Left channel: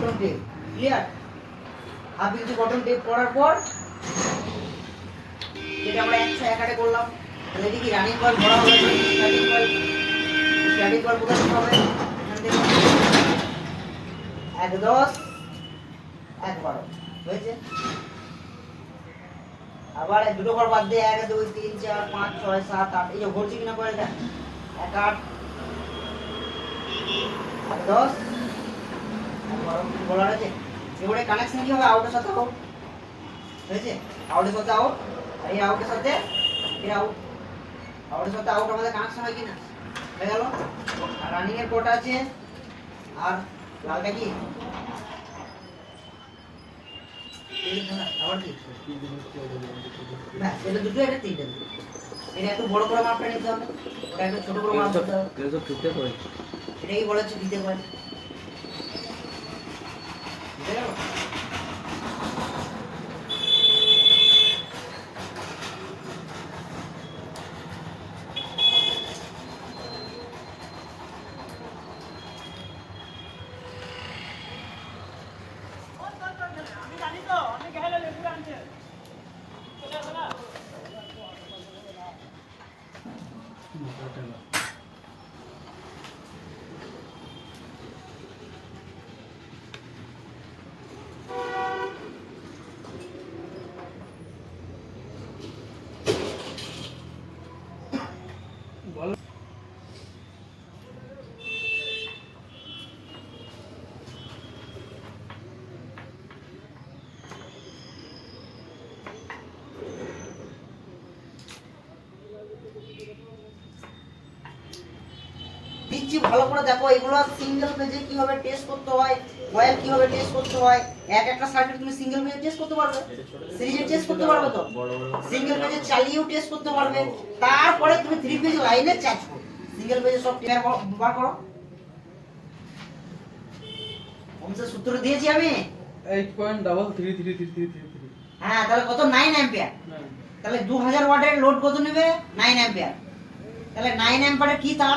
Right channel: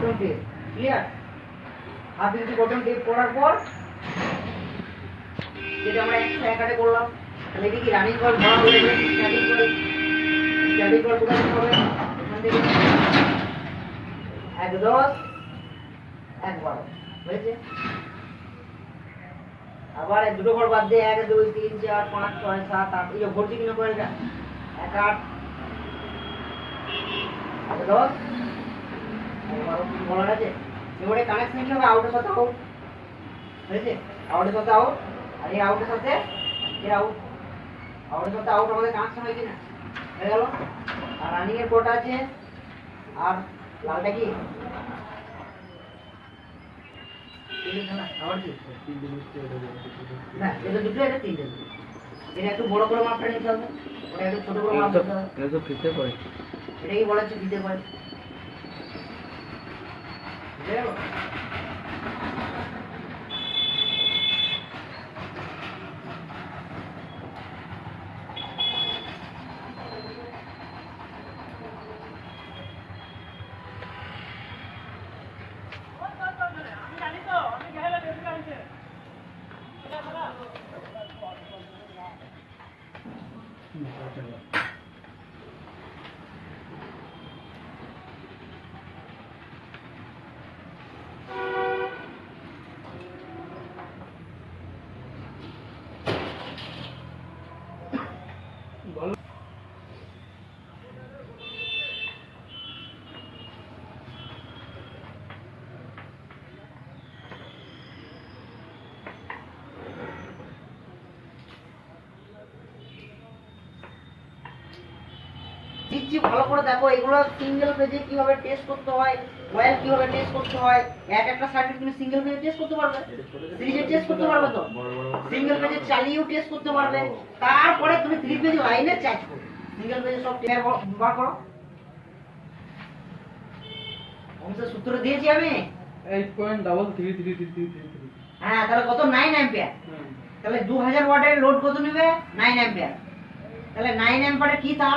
Bottom tape clear. Half inch bottom tape করার পর যেটা আমরা 101 করলাম, তাহলে এটা কি রানিং কয়েল ভরা হয়ে যাবে। স্ট্যাটিক কয়েল, স্ট্যাটিক কয়েল কোথা থেকে হবে? এখান থেকে 1 10 1 12 হয়েছে। আবার এই দুটো ঘর বাদ দিয়ে 1 2 3 4 5 6 7 8 এই যে ভরছি কিনা কয়েলটা 1 8 1 10 1 12 বলা আছে। এবারে কানেকশন কি হবে? আউটের সাথে আউট হয়েছে, আউটের সাথে আউট, আর এই আউটের সাথে এই আউট, আউটের সাথে আউট আমাদের কানেকশন হয় কিনা? হয়ে গেল। আর রানিং এর কোড আছে। আর লালটা কি? আবার কি না, এটা দুটো এটা তিনটে। এটা একটু বড় বড় মাপটা নিতে হবে, ওটা একটু ছোট বড় মাপ নিতে হবে। এসব দিতে পারে, এটাই বলেছে দিতে পারে। বুঝে গেল? বলো। দিচ্ছি ভালো করে দেখো। এগুলো সিঙ্গেল পেজে কিভাবে টেস্ট করতে হয়, কয়েল কিভাবে টেস্ট করতে হয়, একটা সার্কিট তুমি সিঙ্গেল পেজে টেস্ট করতে পারবে, সিরিজে টেস্ট করতে পারবে, তো সিঙ্গেল পেজে চালিয়েও টেস্ট করতে পারবে। তারপরে তুমি 3 পেজ লাইনে চার্জ করবে। সিঙ্গেল পেজে সব টেয়ার বার করো। অংশের সূত্র দিয়েছি আমি 8.333333। হ্যাঁ, তাহলে কত? 9 অ্যাম্পিয়ার। তাহলে 2000 ওয়াটের লোড কত নেবে? 9 অ্যাম্পিয়ার। তাহলে 9 অ্যাম্পিয়ারে কি তার